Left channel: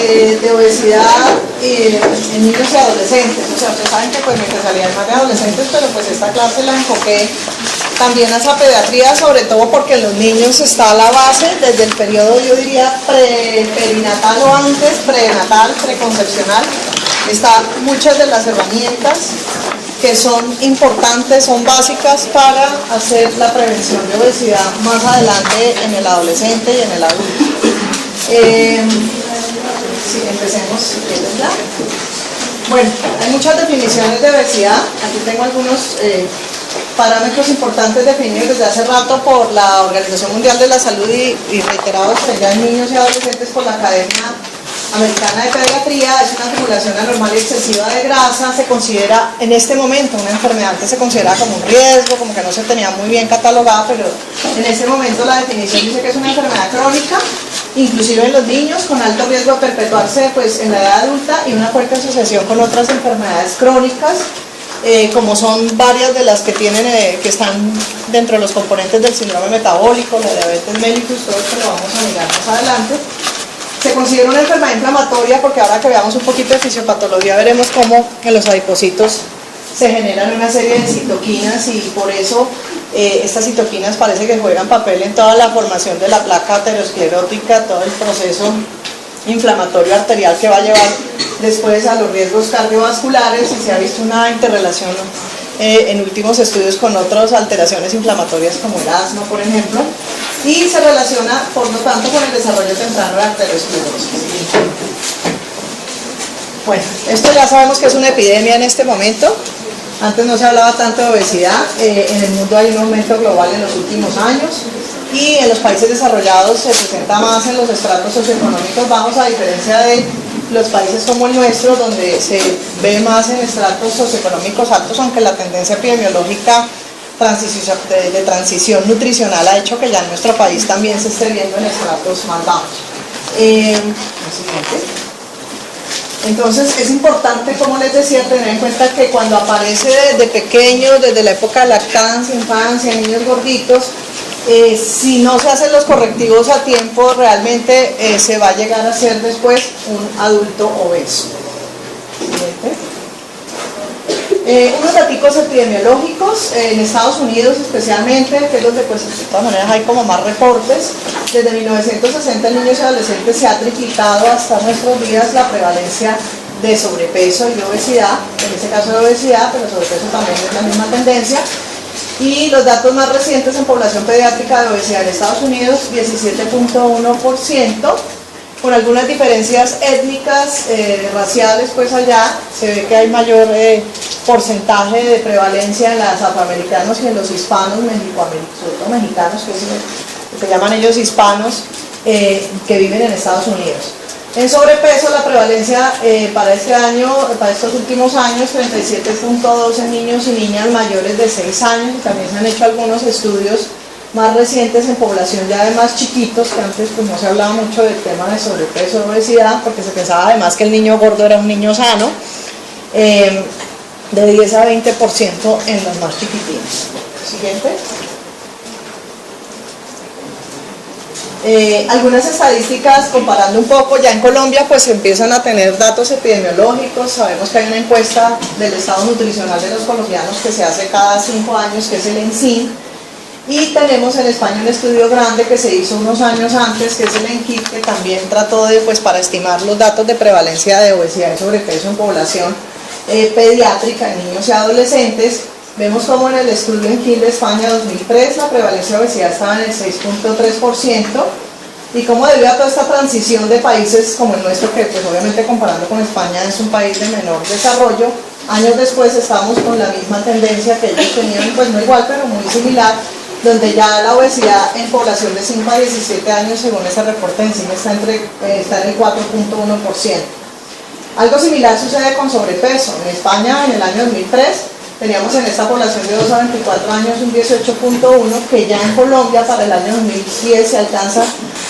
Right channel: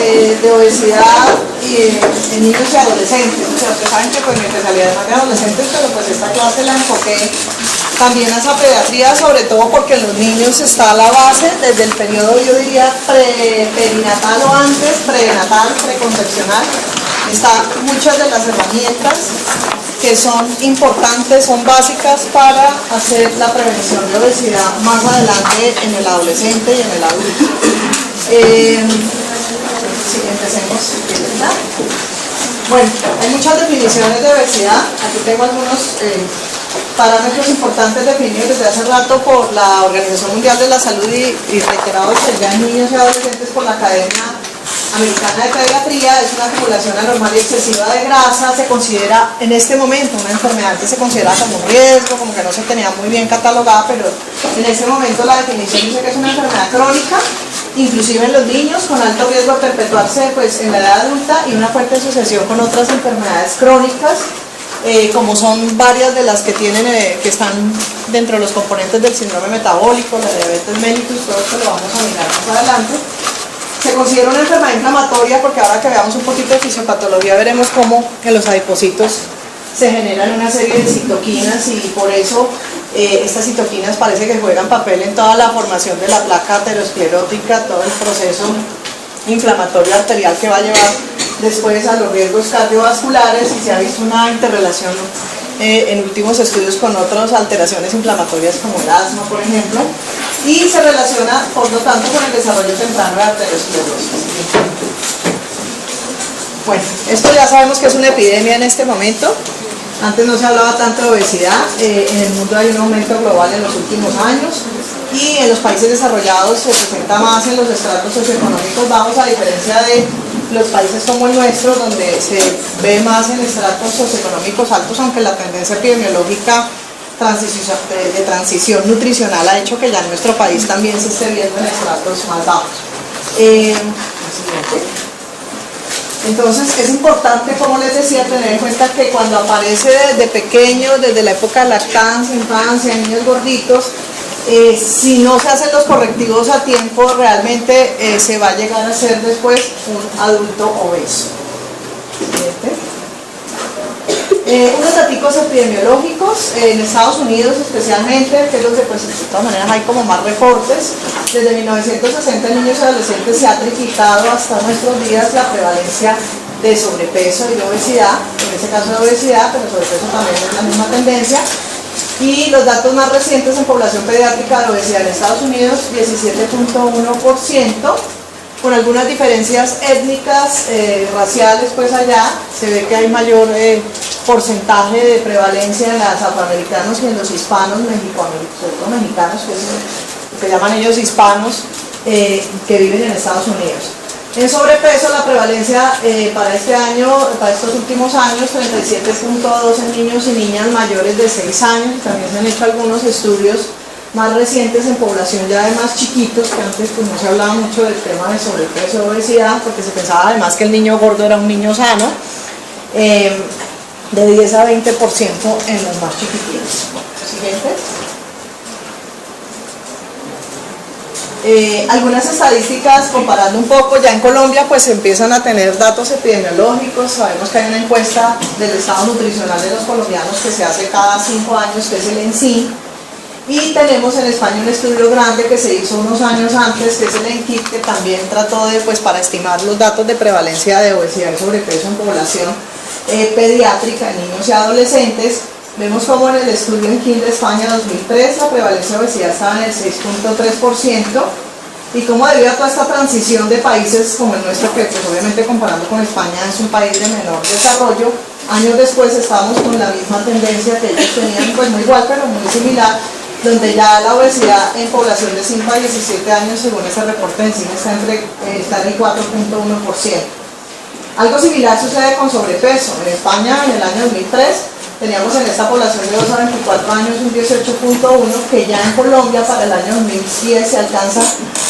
de obesidad en niños y adolescentes. O sea, ustedes saben que pues mi especialidad son de adolescentes, pero pues esta clase la enfoqué también a esa pediatría, sobre todo porque en los niños está la base desde el periodo, yo diría, perinatal o antes, prenatal, preconcepcional. Están muchas de las herramientas que son importantes, son básicas para hacer la prevención de obesidad más adelante en el adolescente y en el adulto. Sí, empecemos si quieres, ¿verdad? Bueno, hay muchas definiciones de obesidad. Aquí tengo algunos parámetros importantes definidos desde hace rato por la Organización Mundial de la Salud y reiterados ya en niños y adolescentes por la Academia Americana de Pediatría. Es una acumulación anormal y excesiva de grasa. Se considera en este momento una enfermedad que se considera como un riesgo, como que no se tenía muy bien catalogada, pero en este momento la definición dice que es una enfermedad crónica, inclusive en los niños, con alto riesgo de perpetuarse pues, en la edad adulta y una fuerte asociación con otras enfermedades crónicas, como son varias de las que tienen, que están dentro de los componentes del síndrome metabólico, la diabetes mellitus, todo esto lo vamos a mirar más adelante. Se considera una enfermedad inflamatoria porque ahora que veamos un poquito de fisiopatología veremos cómo en los adipocitos se generan una serie de citoquinas y por eso estas citoquinas parece que juegan papel en toda la formación de la placa aterosclerótica, todo el proceso inflamatorio arterial que va a llevar después a los riesgos cardiovasculares, y se ha visto una interrelación en últimos estudios con otras alteraciones inflamatorias como el asma, por ejemplo, y se relaciona por lo tanto con el desarrollo temprano de arteriosclerosis. Bueno, esto ya sabemos que es una epidemia en este momento. Antes no se hablaba tanto de obesidad. En el mundo hay un aumento global en los últimos años y en los países desarrollados se presenta más en los estratos socioeconómicos bajos, a diferencia de los países como el nuestro, donde se ve más en estratos socioeconómicos altos, aunque la tendencia epidemiológica de transición nutricional ha hecho que ya en nuestro país también se esté viendo en estratos más bajos. Entonces es importante, como les decía, tener en cuenta que cuando aparece desde pequeños, desde la época de lactancia, infancia, niños gorditos, si no se hacen los correctivos a tiempo, realmente se va a llegar a ser después un adulto obeso. Unos datos epidemiológicos en Estados Unidos especialmente, que es donde pues de todas maneras hay como más reportes. Desde 1960 en niños y adolescentes se ha triplicado hasta nuestros días la prevalencia de sobrepeso y de obesidad, en este caso de obesidad, pero sobrepeso también es la misma tendencia. Y los datos más recientes en población pediátrica de obesidad en Estados Unidos, 17.1%, con algunas diferencias étnicas, raciales, pues allá se ve que hay mayor porcentaje de prevalencia en los afroamericanos y en los hispanos, sobre todo mexicanos, que es lo que llaman ellos hispanos, que viven en Estados Unidos. En sobrepeso, la prevalencia para este año, para estos últimos años, 37.2 en niños y niñas mayores de 6 años, y también se han hecho algunos estudios más recientes en población ya de más chiquitos, que antes pues no se hablaba mucho del tema de sobrepeso o obesidad, porque se pensaba además que el niño gordo era un niño sano, de 10 a 20% en los más chiquititos. Siguiente. Algunas estadísticas comparando un poco, ya en Colombia pues empiezan a tener datos epidemiológicos. Sabemos que hay una encuesta del estado nutricional de los colombianos que se hace cada 5 años, que es el ENSIN, y tenemos en España un estudio grande que se hizo unos años antes, que es el ENKID, que también trató de, pues, para estimar los datos de prevalencia de obesidad y sobrepeso en población pediátrica en niños y adolescentes. Vemos como en el estudio ENKID de España 2003 la prevalencia de obesidad estaba en el 6.3%, y como debido a toda esta transición de países como el nuestro, que pues obviamente comparando con España es un país de menor desarrollo, años después estamos con la misma tendencia que ellos tenían, pues no igual pero muy similar, donde ya la obesidad en población de 5 a 17 años, según ese reporte en CIME, está en el 4.1%. Algo similar sucede con sobrepeso. En España, en el año 2003, teníamos en esta población de 2 a 24 años un 18.1%, que ya en Colombia para el año 2010 se alcanza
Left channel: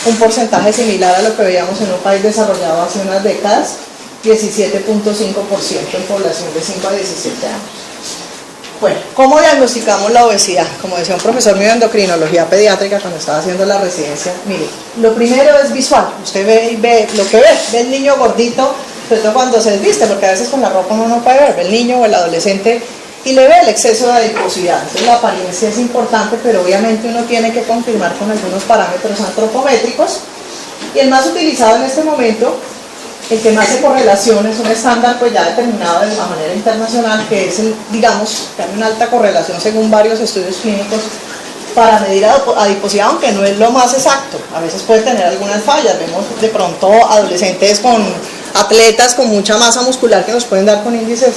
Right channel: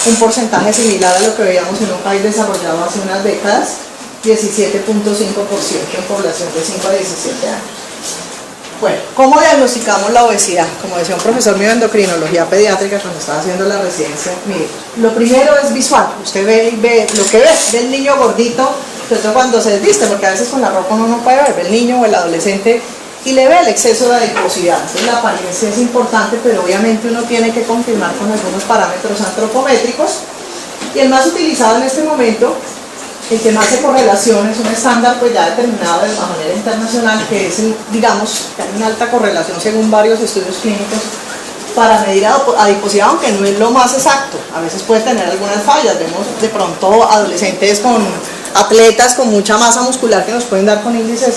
un porcentaje similar a lo que veíamos en un país desarrollado hace unas décadas, 17.5% en población de 5 a 17 años. Bueno, ¿cómo diagnosticamos la obesidad? Como decía un profesor mío de endocrinología pediátrica cuando estaba haciendo la residencia, mire, lo primero es visual, usted ve lo que ve el niño gordito, sobre todo cuando se desviste, lo que a veces con la ropa uno no puede ver, el niño o el adolescente y le ve el exceso de adiposidad. Entonces la apariencia es importante, pero obviamente uno tiene que confirmar con algunos parámetros antropométricos, y el más utilizado en este momento, el que más se correlaciona, es un estándar pues ya determinado de la manera internacional, que es digamos, que hay una alta correlación según varios estudios clínicos para medir adiposidad, aunque no es lo más exacto, a veces puede tener algunas fallas. Vemos de pronto adolescentes con atletas con mucha masa muscular que nos pueden dar con índices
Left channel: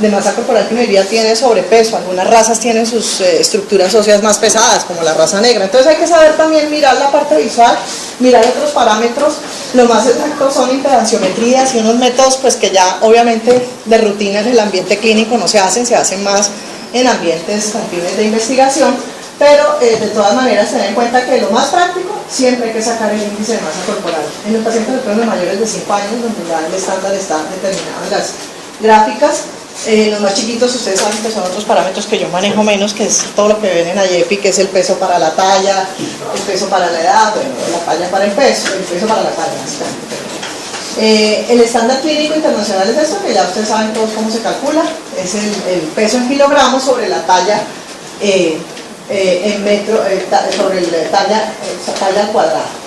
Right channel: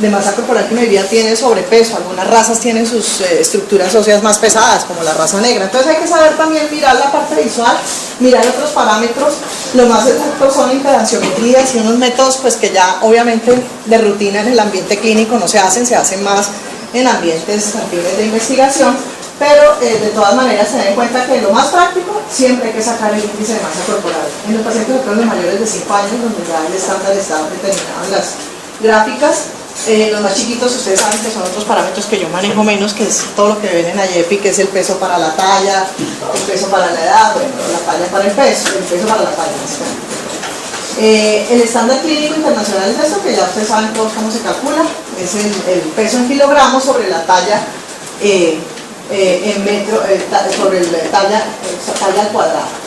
de masa corporal que uno diría tiene sobrepeso. Algunas razas tienen sus estructuras óseas más pesadas, como la raza negra. Entonces hay que saber también mirar la parte visual, mirar otros parámetros. Lo más exactos son impedanciometrías y unos métodos pues que ya obviamente de rutina en el ambiente clínico no se hacen más en ambientes afines de investigación, pero de todas maneras tener en cuenta que lo más práctico siempre hay que sacar el índice de masa corporal. En los pacientes de mayores de 5 años, donde ya el estándar está determinado en las gráficas. Los más chiquitos, ustedes saben que son otros parámetros que yo manejo menos, que es todo lo que ven en AYEPI, que es el peso para la talla, el peso para la edad, bueno, la talla para el peso para la talla. El estándar clínico internacional es eso, que ya ustedes saben todos cómo se calcula, es el peso en kilogramos sobre la talla en metro, sobre la talla al cuadrado.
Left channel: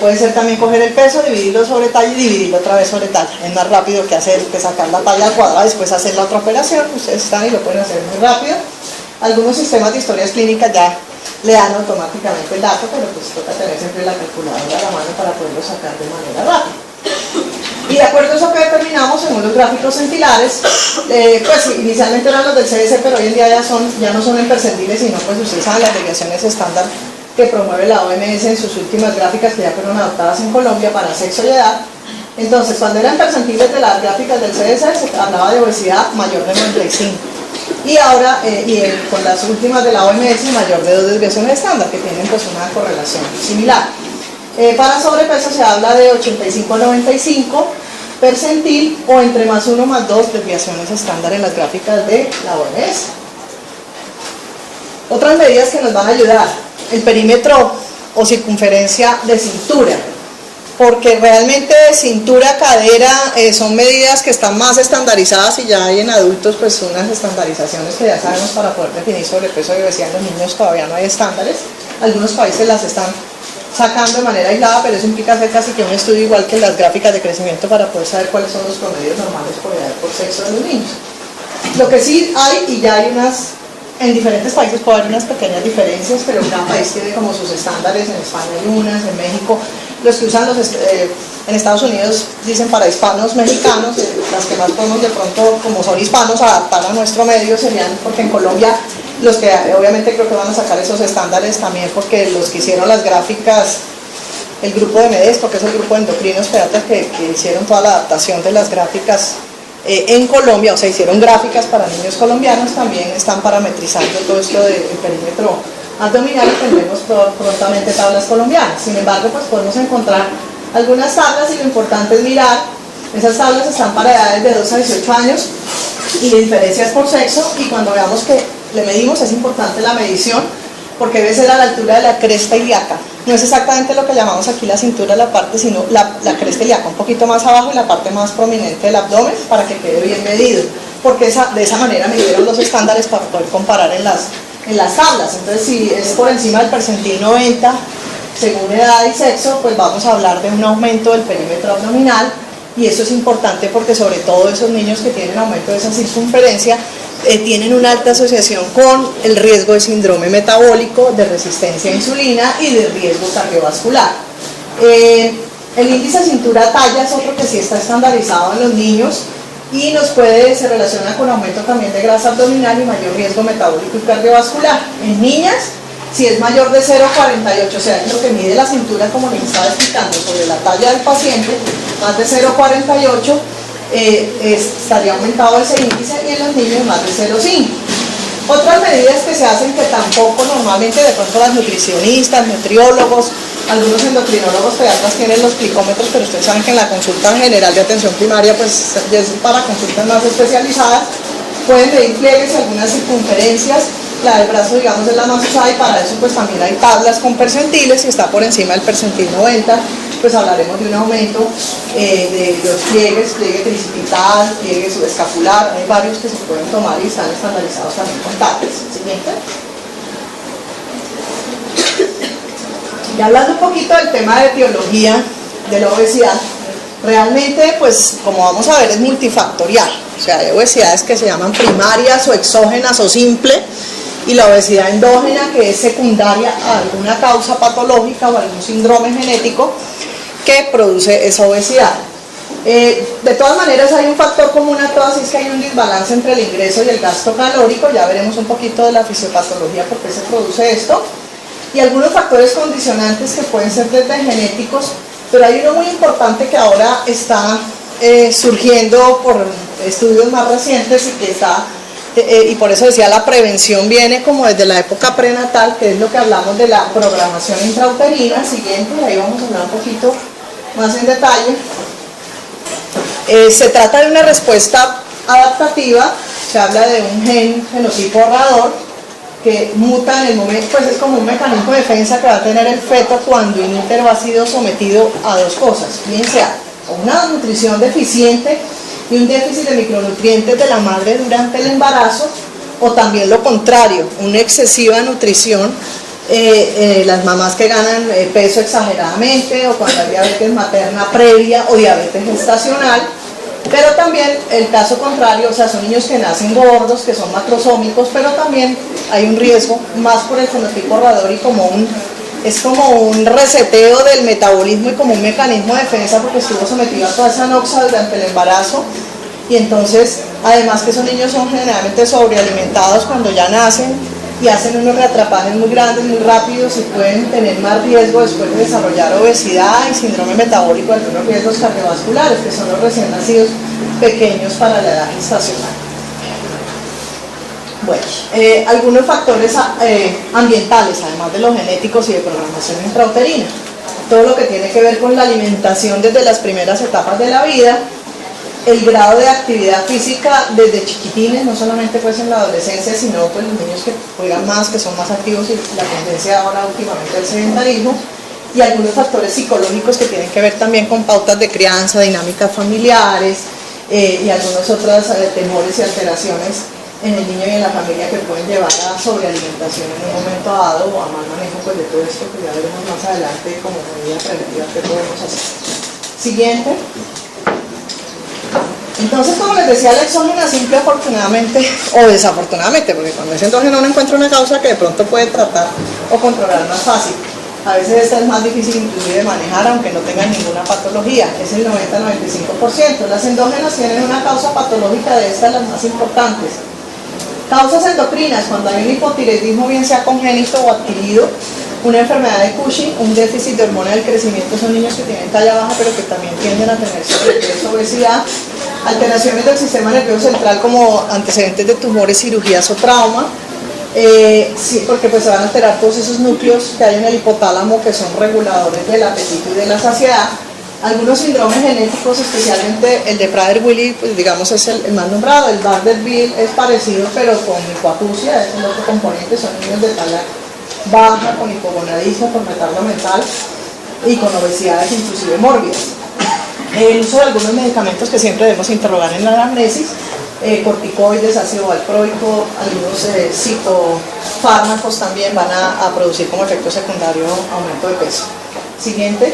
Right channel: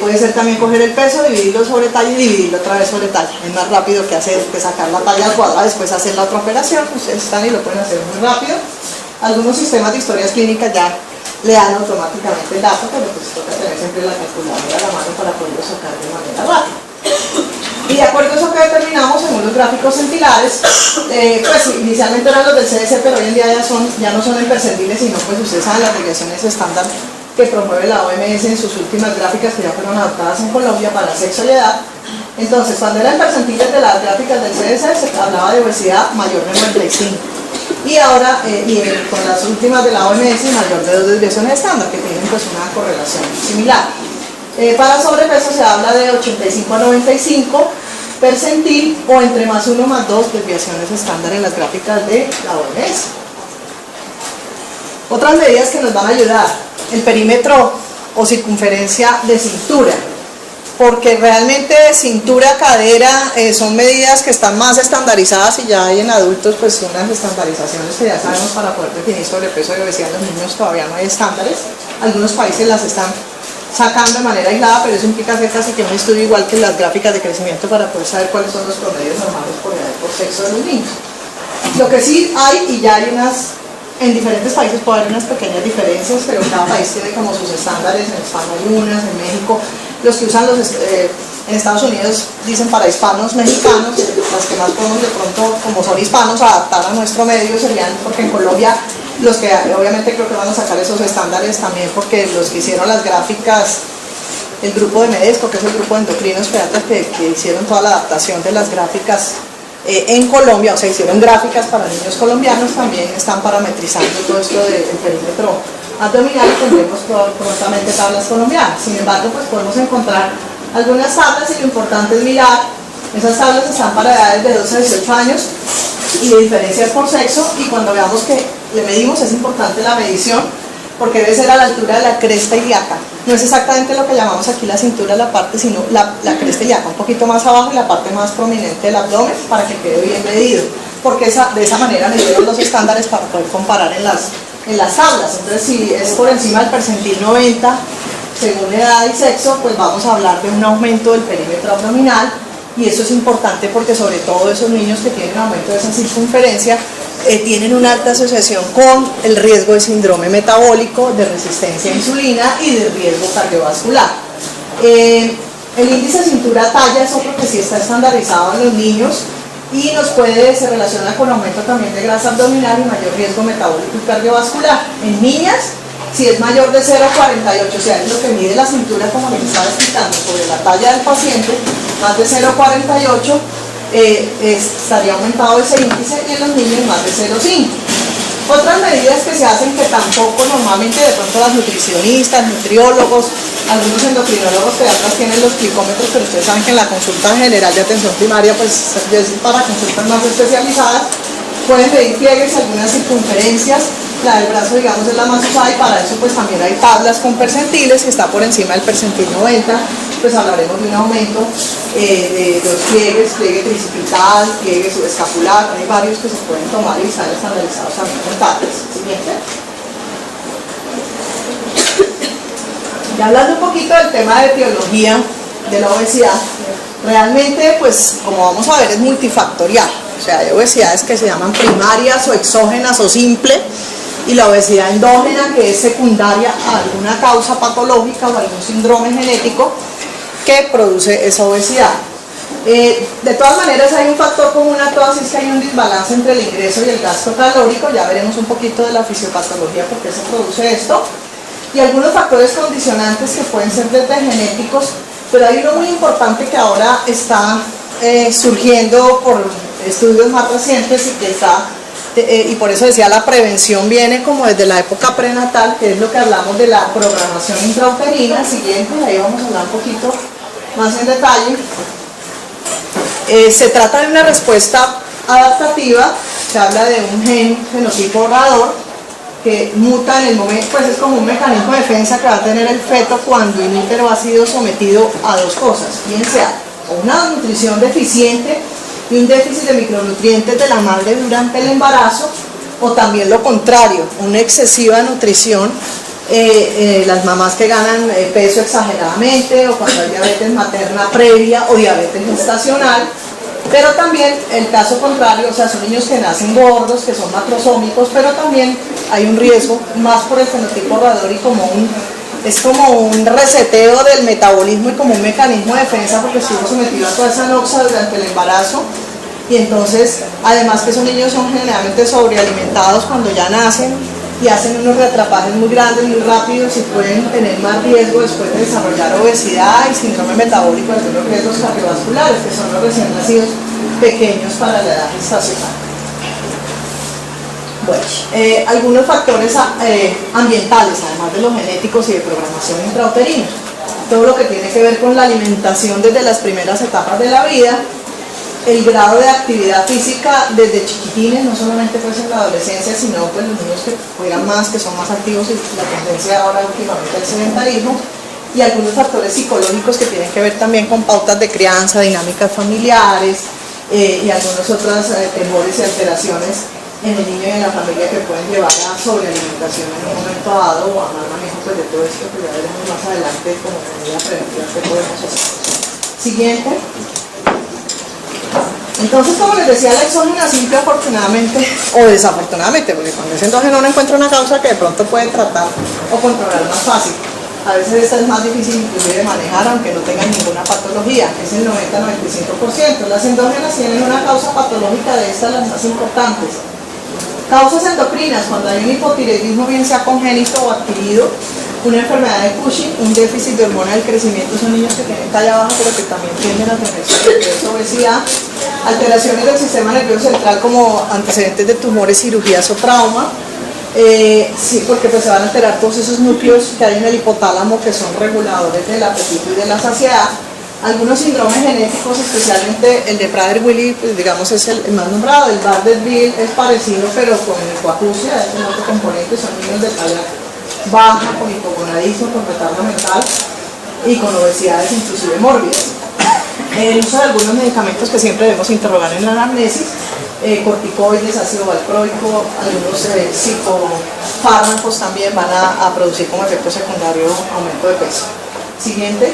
Puede ser también coger el peso, dividirlo sobre talla y dividirlo otra vez sobre talla. Es más rápido que sacar la talla al cuadrado, después hacer la otra operación. Ustedes están y lo pueden hacer muy rápido. Algunos sistemas de historias clínicas ya le dan automáticamente el dato, pero pues toca tener siempre la calculadora a la mano para poderlo sacar de manera rápida. Y de acuerdo a eso que determinamos según los gráficos centilares, pues inicialmente eran los del CDC, pero hoy en día ya no son en percentiles, sino pues ustedes saben las regresiones estándar que promueve la OMS en sus últimas gráficas que ya fueron adoptadas en Colombia para sexo y edad. Entonces, cuando eran percentiles de las gráficas del CDC, se hablaba de obesidad mayor de 95. Y ahora, con las últimas de la OMS, mayor de 2 desviaciones estándar, que tienen pues una correlación similar. Para sobrepeso se habla de 85 a 95 percentil, o entre más 1 más 2 desviaciones estándar en las gráficas de la OMS. Otras medidas que nos van a ayudar: el perímetro o circunferencia de cintura, porque realmente cintura, cadera son medidas que están más estandarizadas, y ya hay en adultos pues unas estandarizaciones que ya sabemos para poder definir sobrepeso y obesidad. En los niños todavía no hay estándares, algunos países las están sacando de manera aislada, pero eso implica hacer casi que un estudio igual que las gráficas de crecimiento para poder saber cuáles son los promedios normales por sexo de los niños. Lo que sí hay, y ya hay en diferentes países puede haber unas pequeñas diferencias, pero cada país tiene como sus estándares. En España hay unas, en México, los que usan en Estados Unidos dicen para hispanos mexicanos, las que más podemos de pronto, como son hispanos, adaptar a nuestro medio serían, porque en Colombia los que obviamente creo que van a sacar esos estándares también, porque los que hicieron las gráficas, el grupo de MEDESCO, que es el grupo de endocrinos pediatras que hicieron toda la adaptación de las gráficas en Colombia, o sea, hicieron gráficas para niños colombianos, también están parametrizando todo esto del perímetro abdominal, y tendremos prontamente tablas colombianas. Sin embargo, pues podemos encontrar algunas tablas, y lo importante es mirar, esas tablas están para edades de 12 a 18 años y de diferencias por sexo, y cuando veamos que le medimos, es importante la medición, porque debe ser a la altura de la cresta ilíaca. No es exactamente lo que llamamos aquí la cintura, la parte, sino la cresta ilíaca, un poquito más abajo y la parte más prominente del abdomen, para que quede bien medido, porque de esa manera midieron los estándares para poder comparar en las tablas. Entonces, si es por encima del percentil 90, según edad y sexo, pues vamos a hablar de un aumento del perímetro abdominal, y eso es importante porque sobre todo esos niños que tienen aumento de esa circunferencia tienen una alta asociación con el riesgo de síndrome metabólico, de resistencia a insulina y de riesgo cardiovascular. El índice cintura-talla es otro que sí está estandarizado en los niños, y se relaciona con aumento también de grasa abdominal y mayor riesgo metabólico y cardiovascular. En niñas, si es mayor de 0,48, o sea, es lo que mide la cintura, como les estaba explicando, sobre la talla del paciente, más de 0,48, estaría aumentado ese índice, y en los niños más de 0,5. Otras medidas que se hacen, que tampoco normalmente de pronto las nutricionistas, nutriólogos, algunos endocrinólogos pediatras tienen los glicómetros, pero ustedes saben que en la consulta general de atención primaria pues es para consultas más especializadas. pueden medir pliegues y algunas circunferencias. La del brazo, digamos, es la más usada y para eso pues también hay tablas con percentiles. Si está por encima del percentil 90, pues hablaremos de un aumento de los pliegues, pliegue tricipital, pliegue subescapular. Hay varios que se pueden tomar y están estandarizados también con tablas. Siguiente. Ya hablando un poquito del tema de etiología de la obesidad, realmente, pues, como vamos a ver, es multifactorial. O sea, hay obesidades que se llaman primarias o exógenas o simple, y la obesidad endógena, que es secundaria a alguna causa patológica o algún síndrome genético que produce esa obesidad. De todas maneras, hay un factor común a todas, y es que hay un desbalance entre el ingreso y el gasto calórico. Ya veremos un poquito de la fisiopatología, por qué se produce esto, y algunos factores condicionantes que pueden ser desde genéticos, pero hay uno muy importante que ahora está surgiendo por estudios más recientes y que está, y por eso decía, la prevención viene como desde la época prenatal, que es lo que hablamos de la programación intrauterina. Siguiente, ahí vamos a hablar un poquito más en detalle. Se trata de una respuesta adaptativa, se habla de un genotipo ahorrador que muta en el momento, pues es como un mecanismo de defensa que va a tener el feto cuando in útero ha sido sometido a dos cosas, bien sea una nutrición deficiente y un déficit de micronutrientes de la madre durante el embarazo, o también lo contrario, una excesiva nutrición, las mamás que ganan peso exageradamente, o cuando hay diabetes materna previa o diabetes gestacional. Pero también el caso contrario, o sea, son niños que nacen gordos, que son macrosómicos, pero también hay un riesgo más por el fenotipo ahorrador, y es como un reseteo del metabolismo y como un mecanismo de defensa, porque estuvo sometido a toda esa noxa durante el embarazo. Y entonces, además que esos niños son generalmente sobrealimentados cuando ya nacen y hacen unos reatrapajes muy grandes, muy rápidos, y pueden tener más riesgo después de desarrollar obesidad y síndrome metabólico, de algunos riesgos cardiovasculares, que son los recién nacidos pequeños para la edad gestacional. Bueno, algunos factores ambientales, además de los genéticos y de programación intrauterina. Todo lo que tiene que ver con la alimentación desde las primeras etapas de la vida, el grado de actividad física desde chiquitines, no solamente pues en la adolescencia, sino pues los niños que juegan más, que son más activos, y la tendencia ahora últimamente al sedentarismo, y algunos factores psicológicos que tienen que ver también con pautas de crianza, dinámicas familiares, y algunos otros temores y alteraciones en el niño y en la familia que pueden llevar a sobrealimentación en un momento dado, o a mal manejo pues, de todo esto, que ya veremos más adelante como medidas preventivas que podemos hacer. Siguiente. Entonces, como les decía, la exógena simple, afortunadamente o desafortunadamente, porque cuando es endógeno uno encuentra una causa que de pronto puede tratar o controlar más fácil. A veces esta es más difícil inclusive de manejar, aunque no tengan ninguna patología, es el 90-95%. Las endógenas tienen una causa patológica, de estas las más importantes. Causas endocrinas, cuando hay un hipotiroidismo, bien sea congénito o adquirido, una enfermedad de Cushing, un déficit de hormona del crecimiento, son niños que tienen talla baja pero que también tienden a tener sobrepeso, obesidad, alteraciones del sistema nervioso central como antecedentes de tumores, cirugías o trauma, sí, porque pues se van a alterar todos esos núcleos que hay en el hipotálamo que son reguladores del apetito y de la saciedad. Algunos síndromes genéticos, especialmente el de Prader-Willi, pues, digamos es el más nombrado. El Bardet-Biedl es parecido, pero con hipoacusia, es el otro componente, son niños de talla baja, con hipogonadismo, con retardo mental y con obesidades inclusive mórbidas. El uso de algunos medicamentos que siempre debemos interrogar en la anamnesis, corticoides, ácido valproico, algunos psicofármacos también van a producir como efecto secundario aumento de peso. Siguiente.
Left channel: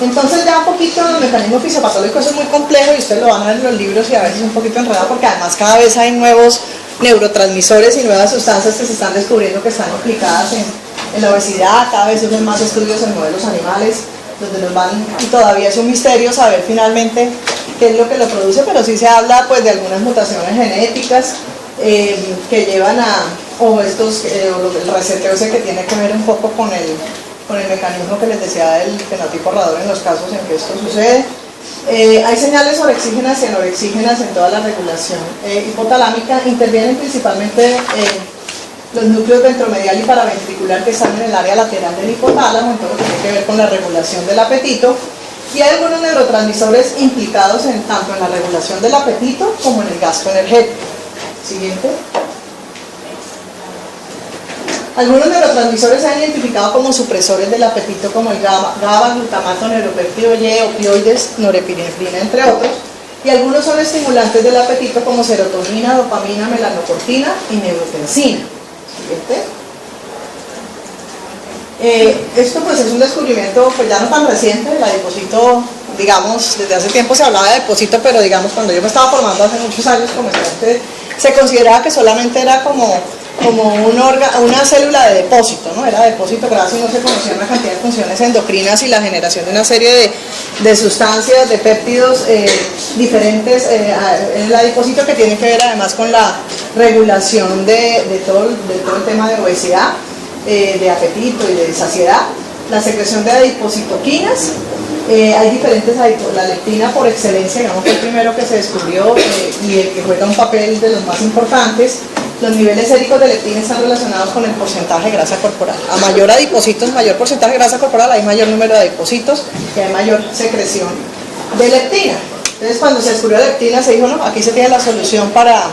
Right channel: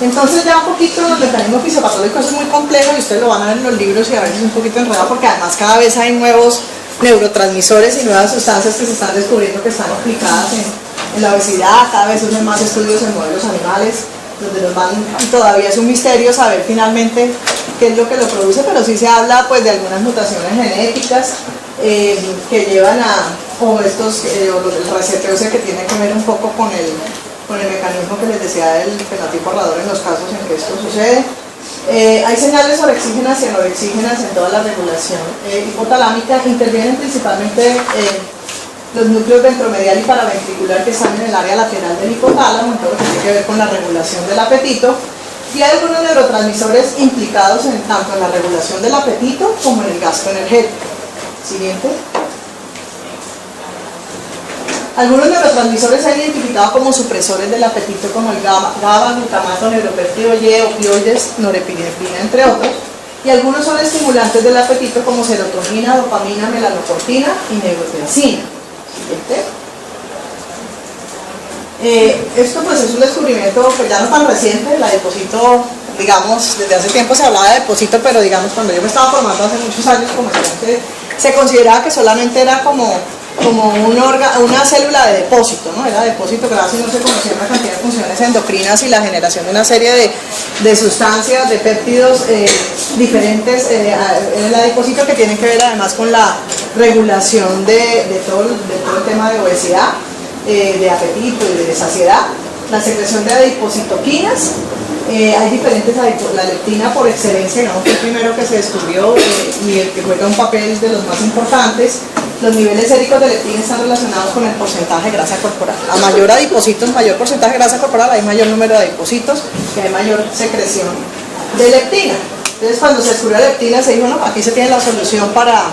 Entonces ya un poquito los mecanismos fisiopatológicos son muy complejos y ustedes lo van a ver en los libros y a veces un poquito enredado, porque además cada vez hay nuevos neurotransmisores y nuevas sustancias que se están descubriendo que están implicadas en la obesidad. Cada vez hacen más estudios en modelos animales, donde nos van, y todavía es un misterio saber finalmente qué es lo que lo produce, pero sí se habla pues de algunas mutaciones genéticas que llevan o el reseteo ese que tiene que ver un poco con el mecanismo que les decía del fenotipo ahorrador en los casos en que esto sucede. Hay señales orexígenas y anorexígenas en toda la regulación hipotalámica. Intervienen principalmente los núcleos ventromedial y paraventricular, que están en el área lateral del hipotálamo, en todo lo que tiene que ver con la regulación del apetito. Y hay algunos neurotransmisores implicados tanto en la regulación del apetito como en el gasto energético. Siguiente. Algunos neurotransmisores se han identificado como supresores del apetito, como el GABA, glutamato, neuropéptido Y, opioides, norepinefrina, entre otros. Y algunos son estimulantes del apetito, como serotonina, dopamina, melanocortina y neurotensina. Siguiente. Esto pues es un descubrimiento pues ya no tan reciente. La adiposito, digamos, desde hace tiempo se hablaba de adiposito, pero digamos cuando yo me estaba formando hace muchos años como estudiante, se consideraba que solamente era como una célula de depósito, ¿no? Era depósito grasa y no se conocía una cantidad de funciones endocrinas y la generación de una serie de sustancias, de péptidos diferentes en el adipocito, que tienen que ver además con la regulación de todo el tema de obesidad, de apetito y de saciedad, la secreción de adipocitoquinas. Hay diferentes, la leptina por excelencia, digamos que el primero que se descubrió y el que juega un papel de los más importantes. Los niveles séricos de leptina están relacionados con el porcentaje de grasa corporal. A mayor adipocitos, mayor porcentaje de grasa corporal, hay mayor número de adipocitos y hay mayor secreción de leptina. Entonces, cuando se descubrió la leptina, se dijo, no, aquí se tiene la solución para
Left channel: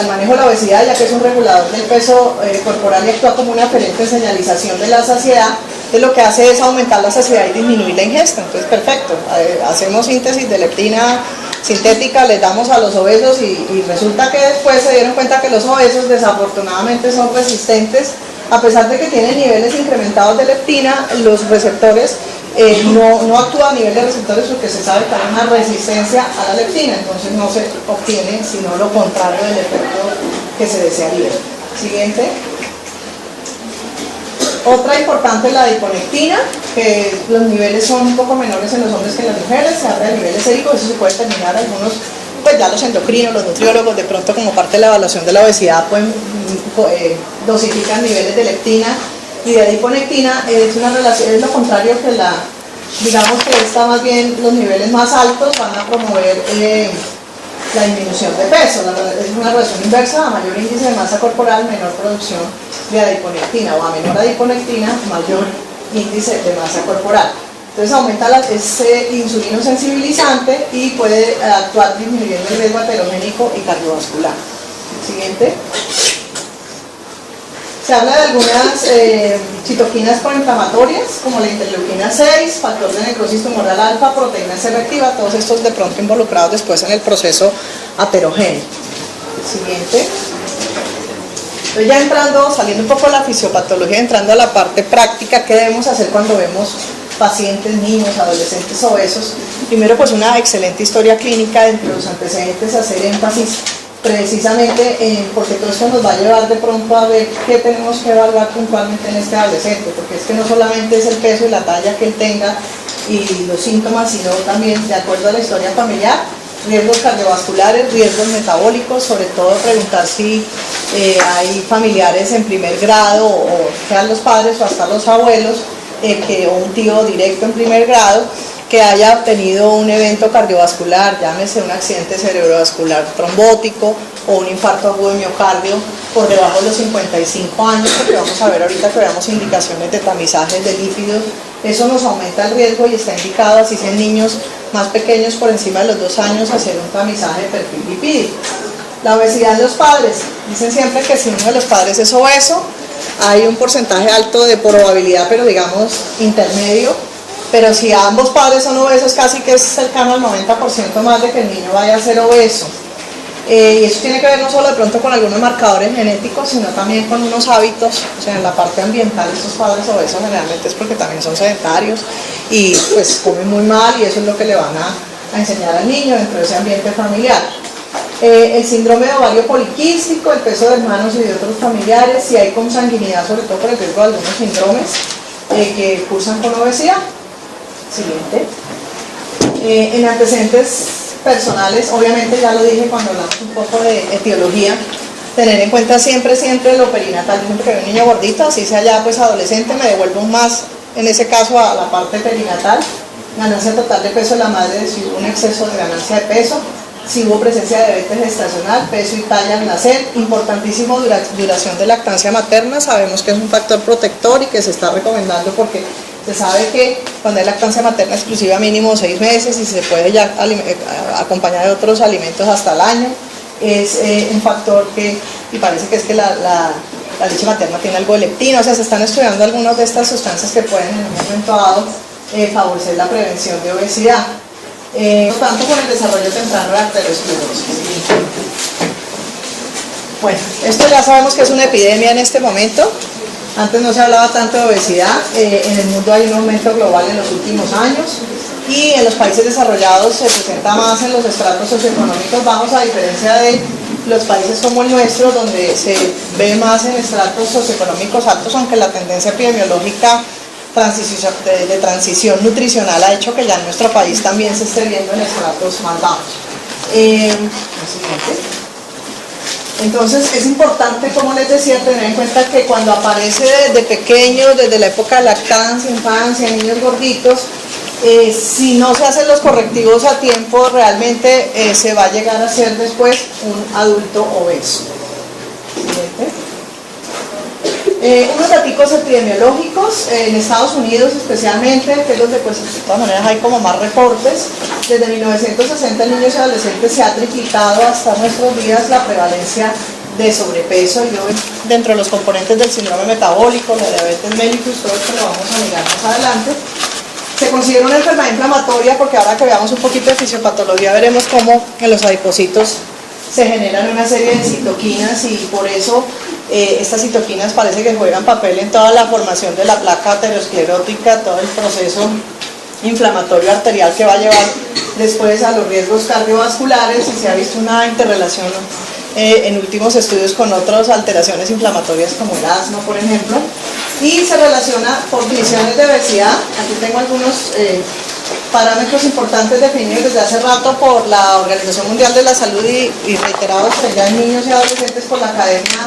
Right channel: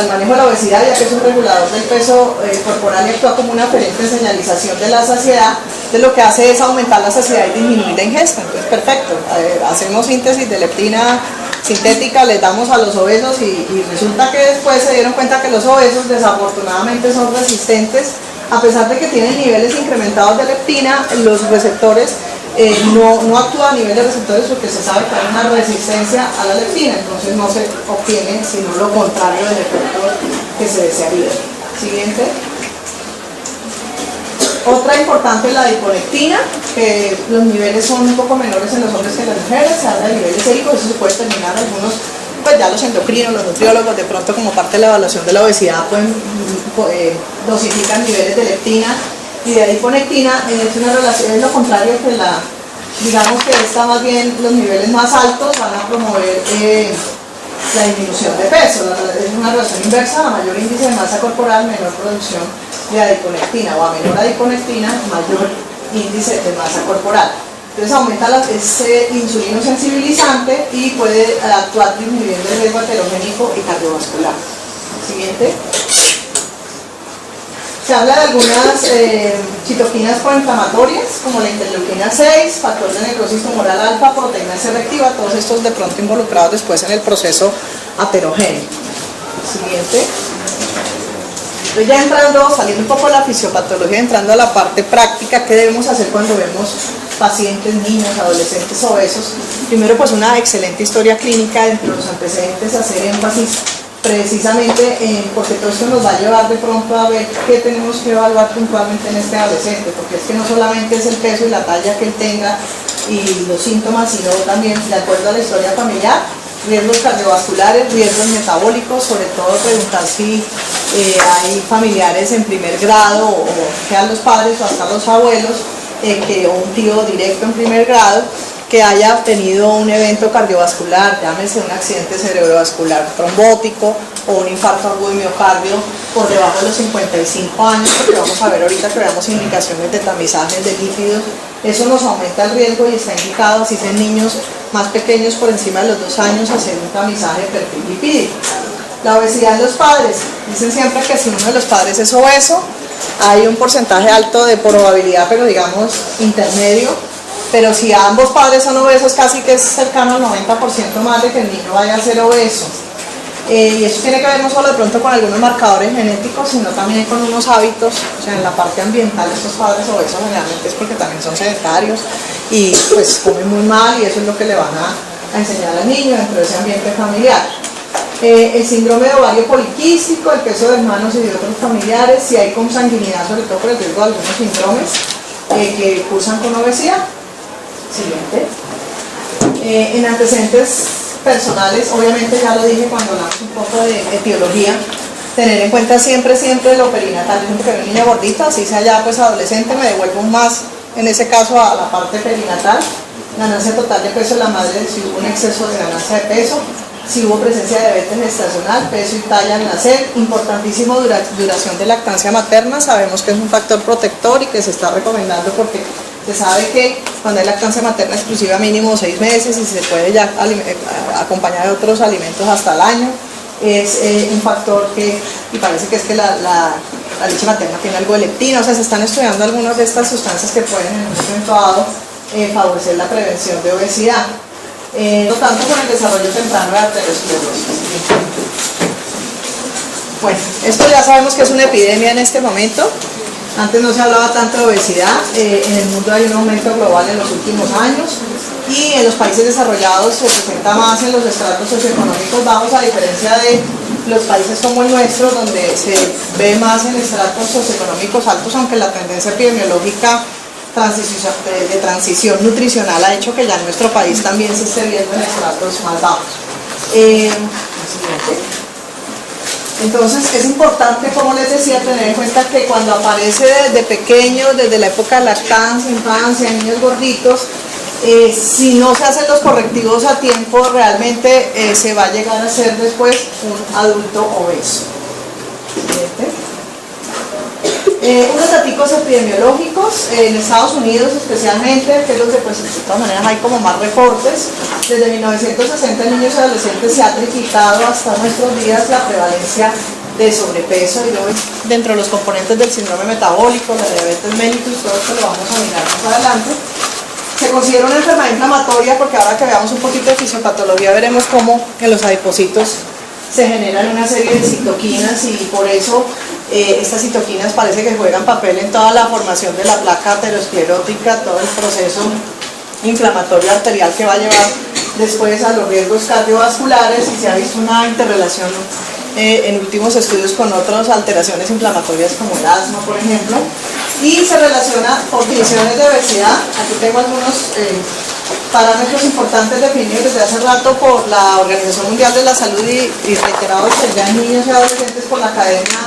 el manejo de la obesidad, ya que es un regulador del peso corporal y actúa como una aferente señalización de la saciedad. Entonces, lo que hace es aumentar la saciedad y disminuir la ingesta. Entonces, perfecto, hacemos síntesis de leptina sintética, les damos a los obesos y resulta que después se dieron cuenta que los obesos desafortunadamente son resistentes, a pesar de que tienen niveles incrementados de leptina. Los receptores no actúan a nivel de receptores porque se sabe que hay una resistencia a la leptina, entonces no se obtiene sino lo contrario del efecto que se desearía. Siguiente. Otra importante es la adiponectina, que los niveles son un poco menores en los hombres que en las mujeres. Se habla de niveles séricos, eso se puede determinar algunos, pues ya los endocrinos, los nutriólogos, de pronto como parte de la evaluación de la obesidad, pueden dosificar niveles de leptina y de adiponectina. Es una relación, es lo contrario que digamos que esta más bien, los niveles más altos van a promover la disminución de peso. Es una relación inversa: a mayor índice de masa corporal, menor producción de adiponectina, o a menor adiponectina, mayor índice de masa corporal. Entonces aumenta ese insulino sensibilizante y puede actuar disminuyendo el riesgo aterogénico y cardiovascular. Siguiente. Se habla de algunas citoquinas proinflamatorias, como la interleuquina 6, factor de necrosis tumoral alfa, proteína C reactiva, todos estos de pronto involucrados después en el proceso aterogénico. Siguiente. Entonces ya entrando, saliendo un poco de la fisiopatología, entrando a la parte práctica, ¿qué debemos hacer cuando vemos pacientes, niños, adolescentes obesos? Primero, pues una excelente historia clínica entre los antecedentes, hacer énfasis precisamente porque todo esto nos va a llevar de pronto a ver qué tenemos que evaluar puntualmente en este adolescente, porque es que no solamente es el peso y la talla que él tenga y los síntomas, sino también, de acuerdo a la historia familiar, riesgos cardiovasculares, riesgos metabólicos, sobre todo preguntar si hay familiares en primer grado o sean los padres o hasta los abuelos, o un tío directo en primer grado que haya tenido un evento cardiovascular, llámese un accidente cerebrovascular trombótico o un infarto agudo de miocardio por debajo de los 55 años, porque vamos a ver ahorita que veamos indicaciones de tamizajes de lípidos. Eso nos aumenta el riesgo y está indicado, así en niños más pequeños por encima de los 2 años, hacer un tamizaje de perfil lipídico. La obesidad de los padres, dicen siempre que si uno de los padres es obeso, hay un porcentaje alto de probabilidad, pero digamos intermedio. Pero si ambos padres son obesos, casi que es cercano al 90% más de que el niño vaya a ser obeso. Y eso tiene que ver no solo de pronto con algunos marcadores genéticos, sino también con unos hábitos, o sea, en la parte ambiental. Estos padres obesos generalmente es porque también son sedentarios y pues comen muy mal, y eso es lo que le van a enseñar al niño dentro de ese ambiente familiar. El síndrome de ovario poliquístico, el peso de hermanos y de otros familiares, si hay consanguinidad, sobre todo por el riesgo de algunos síndromes que cursan con obesidad. Siguiente. En antecedentes personales, obviamente ya lo dije cuando hablamos un poco de etiología, tener en cuenta siempre lo perinatal. Porque veo un niño gordito, así sea ya pues adolescente, me devuelvo más en ese caso a la parte perinatal. Ganancia total de peso de la madre, si hubo un exceso de ganancia de peso, si hubo presencia de diabetes gestacional, peso y talla al nacer. Importantísimo, duración de lactancia materna. Sabemos que es un factor protector y que se está recomendando porque Se sabe que cuando hay lactancia materna exclusiva mínimo 6 meses y se puede ya acompañar de otros alimentos hasta el año, es un factor que, y parece que es que la leche materna tiene algo de leptina, o sea, se están estudiando algunas de estas sustancias que pueden en un momento dado favorecer la prevención de obesidad. No tanto con el desarrollo temprano de arteriosclerosis. Bueno, esto ya sabemos que es una epidemia en este momento. Antes no se hablaba tanto de obesidad, en el mundo hay un aumento global en los últimos años y en los países desarrollados se presenta más en los estratos socioeconómicos bajos, a diferencia de los países como el nuestro, donde se ve más en estratos socioeconómicos altos, aunque la tendencia epidemiológica de transición nutricional ha hecho que ya en nuestro país también se esté viendo en estratos más bajos. Entonces es importante, como les decía, tener en cuenta que cuando aparece desde pequeños, desde la época de lactancia, infancia, niños gorditos, si no se hacen los correctivos a tiempo, realmente se va a llegar a ser después un adulto obeso. Unos datos epidemiológicos en Estados Unidos especialmente, que es donde pues de todas maneras hay como más reportes. Desde 1960 en niños y adolescentes se ha triplicado hasta nuestros días la prevalencia de sobrepeso, y luego dentro de los componentes del síndrome metabólico, la diabetes mellitus, todo esto lo vamos a mirar más adelante. Se considera una enfermedad inflamatoria porque ahora que veamos un poquito de fisiopatología veremos cómo en los adipocitos se generan una serie de citoquinas, y por eso estas citoquinas parece que juegan papel en toda la formación de la placa aterosclerótica, todo el proceso inflamatorio arterial que va a llevar después a los riesgos cardiovasculares, y se ha visto una interrelación en últimos estudios con otras alteraciones inflamatorias como el asma, por ejemplo, y se relaciona por condiciones de obesidad. Aquí tengo algunos parámetros importantes definidos desde hace rato por la Organización Mundial de la Salud y reiterados ya en niños y adolescentes por la Academia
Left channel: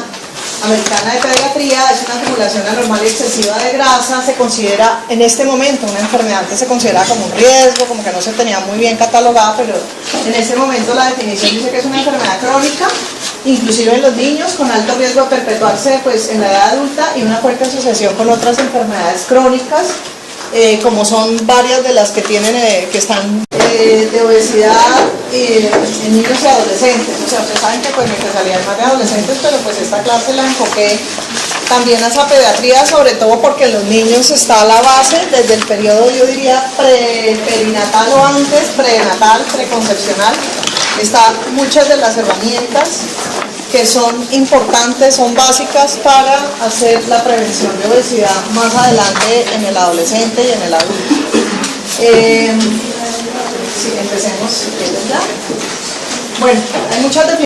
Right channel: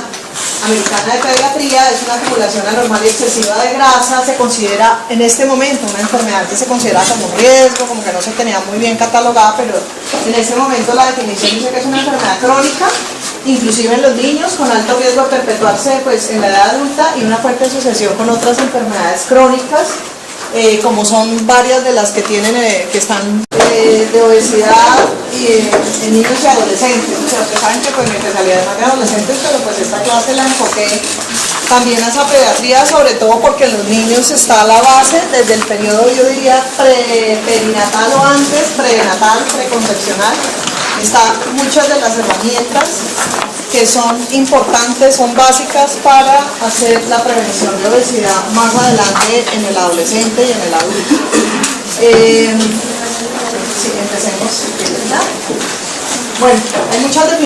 Americana de Pediatría. Es una acumulación anormal y excesiva de grasa. Se considera en este momento una enfermedad que se considera como un riesgo, como que no se tenía muy bien catalogada, pero en este momento la definición dice que es una enfermedad crónica, inclusive en los niños, con alto riesgo de perpetuarse pues, en la edad adulta, y una fuerte asociación con otras enfermedades crónicas, como son varias de las que tienen que están de obesidad en niños y adolescentes. O sea, ustedes saben que pues, mi especialidad es en adolescentes, pero pues esta clase la enfoqué también a esa pediatría, sobre todo porque en los niños está la base desde el periodo, yo diría, perinatal o antes, prenatal, preconcepcional. Están muchas de las herramientas que son importantes, son básicas para hacer la prevención de obesidad más adelante en el adolescente y en el adulto. Sí, empecemos si quieres ya. Bueno, hay muchas definiciones.